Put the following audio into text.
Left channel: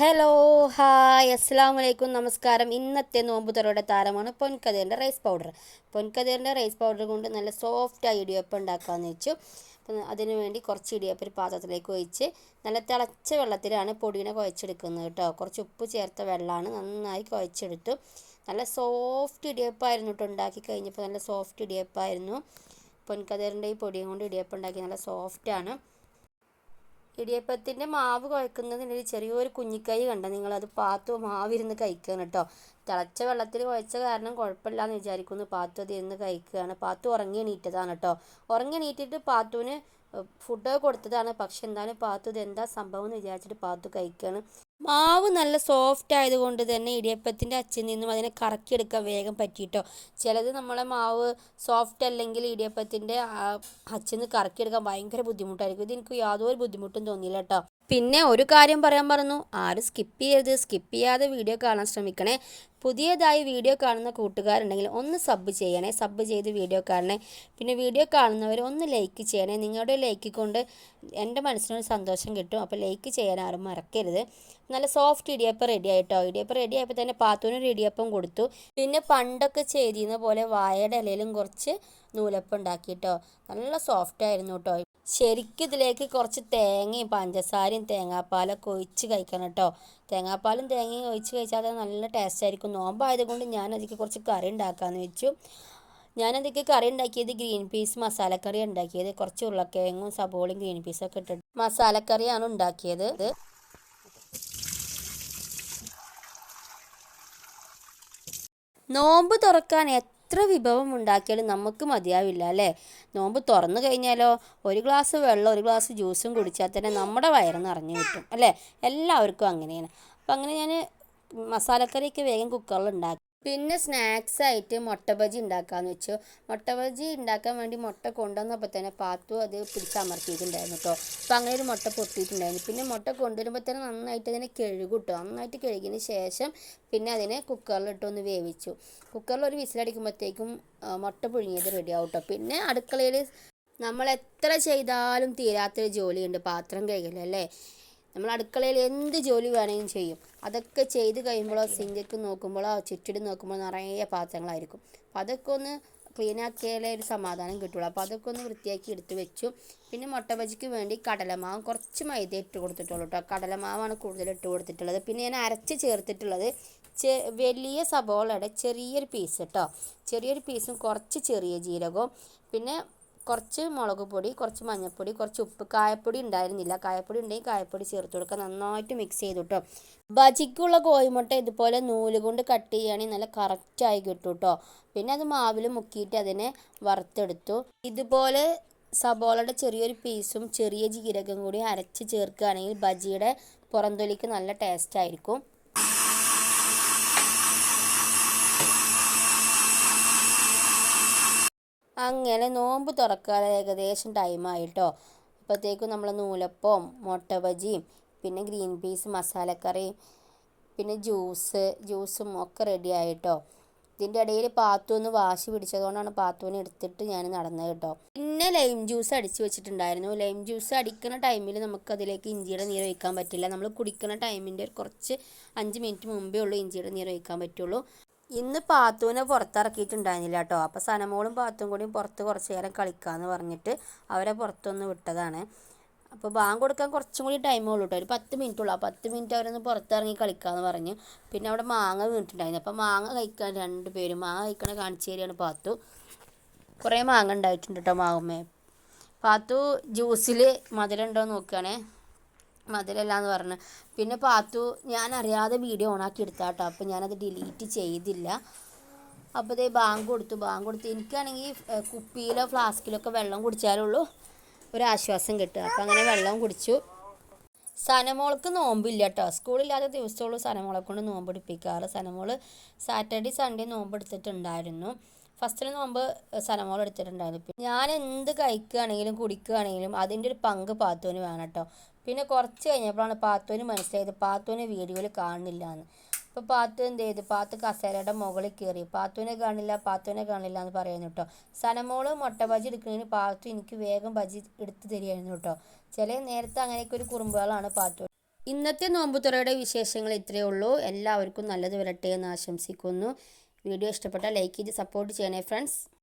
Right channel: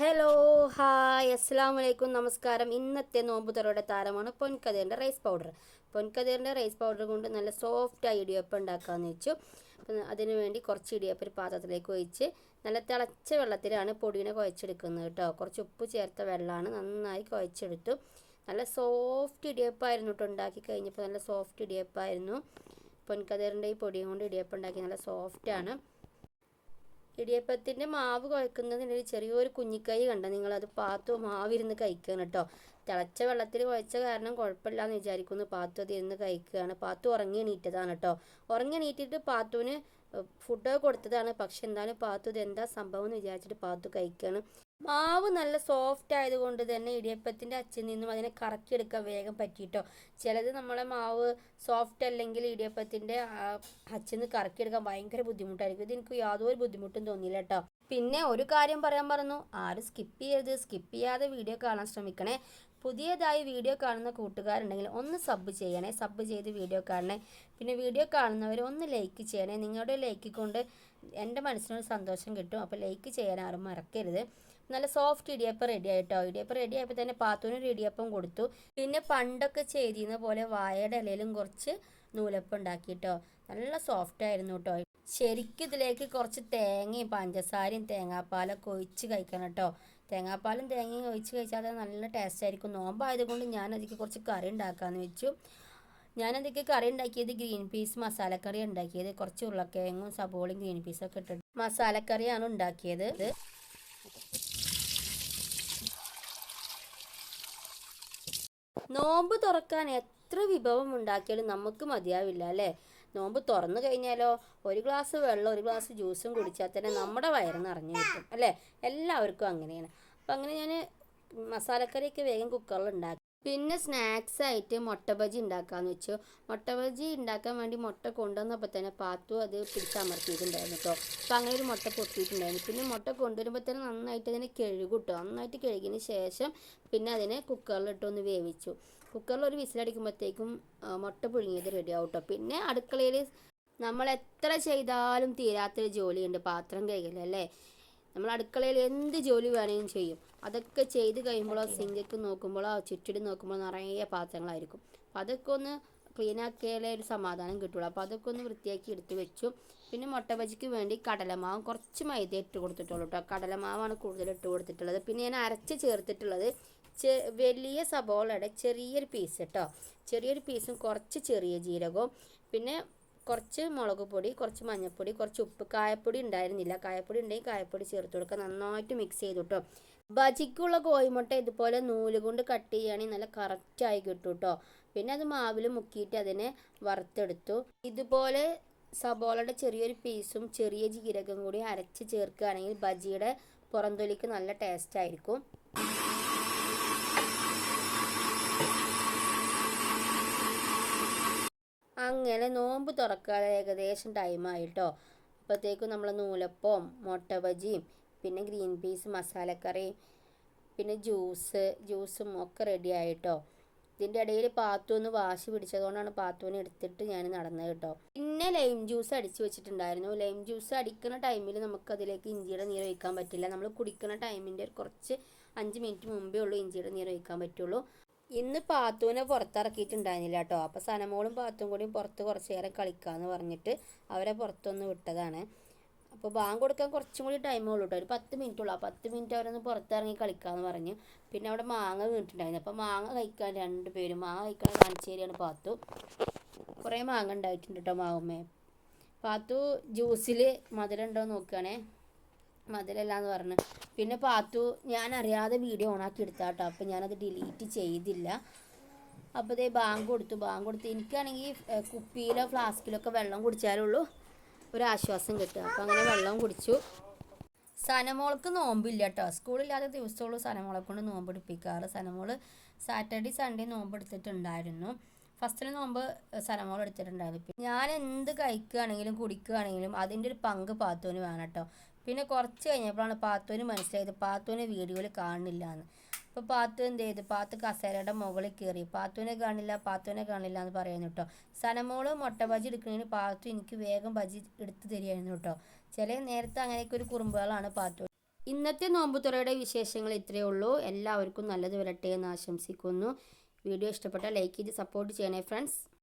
Hello hi അസ്സലാമലൈക്കും നമസ്കാരം. ഇന്നത്തെ നോമ്പുതുറയുടെ താരമാണ് പൊൻകതിറിൻ്റെ റൈസ് പൗഡർ. പൊൻകതിറിൻ്റെ റൈസ് പൗഡർ കൊണ്ട് നല്ല സോഫ്റ്റായി ഇടിയപ്പം ഉണ്ടാക്കാമെന്ന് വെച്ചു. അപ്പം അതിനു വേണ്ടി കുറച്ച് ഇടിയപ്പം ഒരു പാത്രത്തിലേക്ക് ഒഴിച്ച് നല്ല തിളച്ച വെള്ളത്തിലാണ് പൊടിയെ കുഴച്ചെടുക്കുന്നത് കേട്ടോ. കുറച്ച് ഉപ്പ് ചേർത്ത വെള്ളമാണ്, നന്നായി കുഴച്ചെടുത്തു. നല്ല സോഫ്റ്റ് ഇടിയപ്പമായിരുന്നു കേട്ടോ. ഉണ്ടാക്കി കഴിഞ്ഞപ്പോൾ നല്ല സോഫ്റ്റ് ഇടിയപ്പമായിരുന്നു. പൊൻകതിറിൻ്റെ ഈ പൊടിയും കൊണ്ട് ഇടിയപ്പം ഉണ്ടാക്കി നല്ല സോഫ്റ്റാണ്. ഇടിയപ്പത്തിൻ്റെ മാവ് കുഴക്കുന്നതിനൊരു ചെറിയൊരു കുഞ്ഞിക്കൈ കണ്ടോ നിങ്ങളത് പാത്തു മാവിരുന്ന് കഴിക്കുകയാണ് കേട്ടോ. തിളച്ച വെള്ളത്തിൽ കുഴച്ച കാരണം കുഴപ്പമില്ലാന്ന് വിചാരിക്കുന്നു. പാത്തു അത് ഇരുന്ന് കഴിക്കുകയാണ്. പാത്തു ഉറങ്ങി എണീറ്റതാണ് കേട്ടോ. ഉറങ്ങി എണീറ്റിട്ട് പാത്തുവിന് ഫുഡ് കൊടുത്തതാണ്. പക്ഷെ എന്തായാലും പാത്തു ഇത് എന്താ സംഭവം എന്ന് വിചാരിച്ചിട്ട് പാത്തു കഴിക്കുകയാണ്. മാവ് നല്ല സോഫ്റ്റ് ആയതുകൊണ്ട് തന്നെ ഇടിയപ്പത്തിൻ്റെ അച്ചിൽ നിന്നും അതിനെ കറക്കിയെടുക്കാൻ വേഗം പറ്റിയിട്ടോ. ചിലത് നമ്മളെ മാവ് സോഫ്റ്റ് അല്ലെങ്കിൽ ഇടിയപ്പത്തിൻ്റെ അച്ചിൽ നിന്ന് കറക്കിയെടുക്കാൻ ഭയങ്കര ബുദ്ധിമുട്ടായിരിക്കും. ഇത് എനിക്ക് യാതൊരു ബുദ്ധിമുട്ടും തോന്നിയില്ല കേട്ടോ. പിന്നെ ഒരു കാര്യം പറയാൻ പറഞ്ഞു, ആരും സ്കിപ്പ് ചെയ്യരുത്. സ്കിപ്പ് ചെയ്യാതെ വീഡിയോ കാണാൻ ശ്രമിക്കണേ. പുതിയതായി വീഡിയോ കാണുന്ന കൂട്ടുകാരുണ്ടെങ്കിൽ ഒന്ന് സബ് ചെയ്യണേ. സബ് ചെയ്ത് വീഡിയോ കാണണേ. പിന്നെ വീഡിയോ കാണുന്നവർ ഒന്ന് ലൈക്ക് ചെയ്യണേ. നിങ്ങളുടെ ലൈക്ക് കൊണ്ട് എൻ്റെ മനസ്സിനൊരു സന്തോഷം കിട്ടും. അപ്പോൾ ലൈക്ക് ചെയ്യാൻ ആരും മറക്കരുത്. നല്ല സോഫ്റ്റ് ഇടിയപ്പം റെഡി ആയിട്ടോ. ഇടിയപ്പം റെഡി ആയപ്പോൾ തന്നെ പാത്തുവിനൊരു ഇടിയപ്പം കൊടുത്തു. പിന്നെ പണ്ടൊക്കെ ചെയ്തിരുന്ന പോലെ വാഴയുടെ ഇലയിലും കുറച്ച് നൂലപ്പം ഉണ്ടാക്കിയിട്ടോ. നല്ല സോഫ്റ്റ് ആയിരുന്നു കേട്ടോ. ശരിക്കും ഇതിലേക്ക് കുറച്ച് തേങ്ങയും പഞ്ചസാരയും തേങ്ങാപ്പാലൊക്കെ ഒഴിച്ച് കഴിക്കണം കേട്ടോ. തേങ്ങാപ്പാലും തേങ്ങയും ഒഴിച്ച് കഴിച്ചാൽ അത് നല്ല ടേസ്റ്റ് ആയിരിക്കും. നോമ്പായതുകൊണ്ട് ഞാൻ അതിലേക്ക് കുറച്ച് കറി ഉണ്ടാക്കാമെന്ന് വെച്ചു. ഞാനതൊക്കെ കറി ഉണ്ടാക്കിയത് ഗ്രീൻ പീസ് മസാലക്കറി ഉണ്ടാക്കിയത്. കുറച്ച് ഉരുളക്കിഴങ്ങും സബോളയും ഗ്രീൻ പീസൊക്കെ ഇട്ടിട്ട് മസാലക്കറിയാണ് ഉണ്ടാക്കിയത്. നോമ്പ് തുറക്കാൻ എത്ര വിഭവം ഉണ്ടാക്കിയാലും നമുക്ക് മതിയാവില്ല അല്ലേ. നോമ്പ് തുറന്നു കഴിഞ്ഞാലോ ഒരു ഗ്ലാസ് വെള്ളം ഒരു ഗ്ലാസ് ജ്യൂസും കുടിച്ചാൽ തന്നെ നമ്മുടെ വയറ് നിറഞ്ഞു കിട്ടും അല്ലേ. എല്ലാവർക്കും അങ്ങനെയാണ്. അപ്പം അങ്ങനെ ഞാൻ മസാലക്കറിയൊക്കെ വേഗം കുക്കറിൽ ഉണ്ടാക്കി. പിന്നെ സ്നാക്സ് ആയിട്ട് മുട്ട ബജി ഉണ്ടാക്കാമെന്ന് വെച്ചു. മുട്ട ബജി ഉണ്ടാക്കാൻ വേണ്ടി മുട്ട കൊണ്ടുവന്നപ്പോൾ തന്നെ പാത്തു അത് പിടിച്ചമർത്തിയിട്ടുണ്ടായിരുന്നു കേട്ടോ. അപ്പോൾ അങ്ങനെ ഒരു മുട്ട പൊട്ടിയിട്ടുണ്ടായിരുന്നു. പിന്നെ മുട്ട കൊണ്ടുവരുമ്പോൾ തന്നെ നന്നായിട്ട് അതിനെ കഴുകും കേട്ടോ. നന്നായിട്ട് കഴുകിയതിന് ശേഷം പിന്നെ അതിനെ കുക്കറിലിട്ടൊന്ന് വേവിച്ചു. കുക്കറിൽ ഒരു വിസിലടിക്കുമ്പോഴത്തേക്കും മുട്ട പുഴുങ്ങിയത് റെഡി ആവും കേട്ടോ. പിന്നെ അടുക്കളയിൽ നമ്മൾ എത്ര ചെയ്താലും തീരാത്തൊരു ജോലിയുണ്ട്, പാത്രം കഴുകലല്ലേ. നമ്മൾ അടുക്കളയിൽ എന്ത് ജോലി വേണമെങ്കിലും ചെയ്യും. അതൊക്കെ ചെയ്ത് കഴിയുമ്പോഴോ സിങ്കക്ക് നോക്കുമ്പോഴോ ചുറ്റിടി നോക്കുമ്പോഴോ നിറയെ പാത്രങ്ങളായിരിക്കും. അപ്പോൾ അതൊക്കെ ഒന്ന് ക്ലീൻ ആക്കിയാലേ ഒരു സമാധാനം കിട്ടുള്ളൂ. അപ്പോൾ അതൊക്കെ ഒന്ന് വൃത്തിയാക്കി എടുത്ത് വെച്ചു. പിന്നെ മുട്ട ബജിക്ക് വേണ്ടി കടലമാവും കുറച്ച് മൈദ ഇട്ട് കൊടുത്തിട്ടുള്ളൂ കേട്ടോ. കടലമാവാണ് കൂടുതൽ ഇട്ട് കൊടുത്തിട്ടുള്ളത്. പിന്നെ ഞാൻ അരച്ച് ചേർത്തിട്ടുള്ളത് വലിയ സബോളയുടെ ചെറിയൊരു പീസ് കേട്ടോ. ചെറിയൊരു പീസും കുറച്ച് ചെറിയ ജീരകവും പിന്നെ കുറച്ച് മുളക് പൊടി, കുറച്ച് മഞ്ഞൾപ്പൊടി, കുറച്ച് ഉപ്പ്. കായപ്പൊടി ഉണ്ടായിരുന്നില്ല. കായപ്പൊടി ഉണ്ടെങ്കിൽ കായപ്പൊടി ചേർത്ത് കൊടുക്കുക. നന്നായിട്ട് മിക്സ് ചെയ്തു കേട്ടോ. ബജിക്കുള്ള കോഴിമുട്ട ഇതുപോലെ നൂല് കൊണ്ട് കട്ട് ചെയ്യുകയാണെങ്കിൽ നല്ല കറക്റ്റായി കിട്ടും കേട്ടോ. പിന്നെ അത് മാവിൽ മുക്കിയിട്ട് അതിനെ വറുത്തെടുത്തു. ഇതുപോലെ സബോളയുടെ ചെറിയൊരു പീസും ചെറിയ ജീരകം കൂടി അരച്ച് ചേർക്കുകയാണെങ്കിൽ ബജിയുടെ പുറംതൊലിക്ക് നല്ല ടേസ്റ്റ് ആയിരിക്കും. അങ്ങനെ നോമ്പ് തുറക്കാൻ ഏകദേശം ടൈമായിട്ടോ. അപ്പോഴത്തേക്കും നമ്മൾ നൂലപ്പവും മുട്ട ബജിയും പിന്നെ ഗ്രീൻ പീസ് മസാലക്കറിയും പിന്നെ ജ്യൂസും ഒക്കെ റെഡി ആയിട്ടോ. ഇതിൻ്റെ ഇടയിൽ പാത്തുവിന് വാശി പിടിച്ചതുകൊണ്ടാണ് പാത്തുവിനെ എടുത്തിട്ട് ഞാൻ നടന്നത് കേട്ടോ. പിന്നെ ലൈം ജ്യൂസ് അടിച്ച് വെച്ചിട്ടുണ്ടായിരുന്നു. ലൈം ജ്യൂസ് അടിക്കുന്ന ടൈമിൽ നമുക്കതിലേക്ക് ഇഞ്ചിയുടെ നീര് ഒഴിക്കാൻ പറ്റില്ല. നമ്മൾ കുടിക്കുന്ന ടൈമിൻ്റെ കുറച്ച് 5 മിനിറ്റ് മുമ്പേ ഉള്ളൂ ഇഞ്ചിയുടെ നീര് ഒഴിക്കാൻ പറ്റുള്ളൂ. ഇന്ന് പാത്തുവിനെ പുറത്തിറക്കിയിട്ടുണ്ടായിരുന്നില്ല കേട്ടോ. അപ്പോൾ സനമോളും പാത്തും കൂടിയും പുറത്ത് കുറച്ച് നേരം കളിക്കാമെന്ന് പറഞ്ഞിട്ട് അവരെ പുറത്തൊന്ന് വിട്ടതാണ്. അപ്പോൾ ബാങ്ക് കൊടുക്കാൻ കുറച്ചും കൂടി ടൈമുള്ളൂ കേട്ടോ. ഒരു 10 മിനിറ്റ് ഉള്ളൂ. ആ 10 മിനിറ്റ് അവരൊന്ന് പുറത്തിറങ്ങി കളിക്കാമെന്ന് പറഞ്ഞു. പിന്നെ അവിടെ മാങ്ങ വീണിട്ടുണ്ടായിരുന്നു. അപ്പോൾ മാങ്ങ കഴിക്കാൻ 2 പേരും മാങ്ങ കഴിക്കണ കാണിച്ചു തരികയാണ് പാത്തു. കുറേ മാങ്ങ ഉണ്ടായിട്ടുണ്ട് കേട്ടോ മാവുമ്മേ. പാത്തു ജ്യൂസിൽ മധുരം ഉണ്ടോ നോക്കുകയാണേ. മധുരമില്ലാന്ന് പറഞ്ഞു. പിന്നെ പാത്തു ഞാൻ അറിയാതെ വീഡിയോ ഓണാക്കി എടുത്താൽ കേട്ടോ. അപ്പോൾ ഞാനത് ഡിലീറ്റ് ചെയ്തില്ല. അപ്പോൾ ഇതേ ബാങ്ക് കൊടുത്ത് എനിക്കാണെങ്കിൽ കുപ്പിയിലോ ഫ്ലാസ്കിലോ ഒക്കെ വെള്ളം കുടിച്ചാലുള്ളൂ ഒരാശ്വാസം കിട്ടുക. അപ്പോൾ അങ്ങനെ വെള്ളം കുടിച്ചു. സനമോൾക്ക് നോമ്പില്ല കേട്ടോ. സ്കൂളില്ലാത്ത ദിവസമുള്ളൂ സനമോളെ കൊണ്ട് നോമ്പ് എടുപ്പിക്കാറ്. സനമോൾ സാറ്റർഡേ സൺഡേ നോമ്പ് എടുത്തിട്ടുണ്ടായിരുന്നു. ഫസ്റ്റിൽ നോമ്പ് സനമോൾ എടുത്തിട്ടുണ്ടായിരുന്നു. ഞാൻ എന്ത് കഴിക്കുകയാണെങ്കിലും കുടിക്കുകയാണെങ്കിലും അതിൻ്റെ ഒരു പങ്ക് പാത്തുവിന് വേണം കേട്ടോ. പിന്നെ കുറച്ച് കഴിഞ്ഞപ്പോഴാണ് പാത്തുവിന് മനസ്സിലായത് പാത്തുവിനെ വീഡിയോയിൽ കാണുന്നില്ല എന്ന്. അപ്പോൾ പാത്തു എന്ത് ചെയ്തു, പാത്തു കസേരയുടെ മുകളിൽ കയറി പാത്തുവിനെ കാണില്ല എന്ന് പറയുന്നു കേട്ടോ. സനമോള് മുട്ട ബജി എടുക്കുന്നതിന് പാത്തു എനിക്ക് വേഗം ബജി എടുത്ത് തരികയായിരുന്നു കേട്ടോ. ചില നേരത്തെ അങ്ങനെയൊക്കെ ഒരു കുറുമ്പുകളാണ് പാത്തു. ഇന്നത്തെ നോമ്പുതുറയുടെ വിശേഷങ്ങൾ ഇത്രയേ ഉള്ളൂ. എല്ലാവർക്കും നല്ലത് വരട്ടെ എന്ന് ആശംസിക്കുന്നു. വീഡിയോ ഇഷ്ടപ്പെട്ടാൽ ലൈക്ക് ചെയ്ത് സപ്പോർട്ട് ചെയ്യണേ ഫ്രണ്ട്സ്.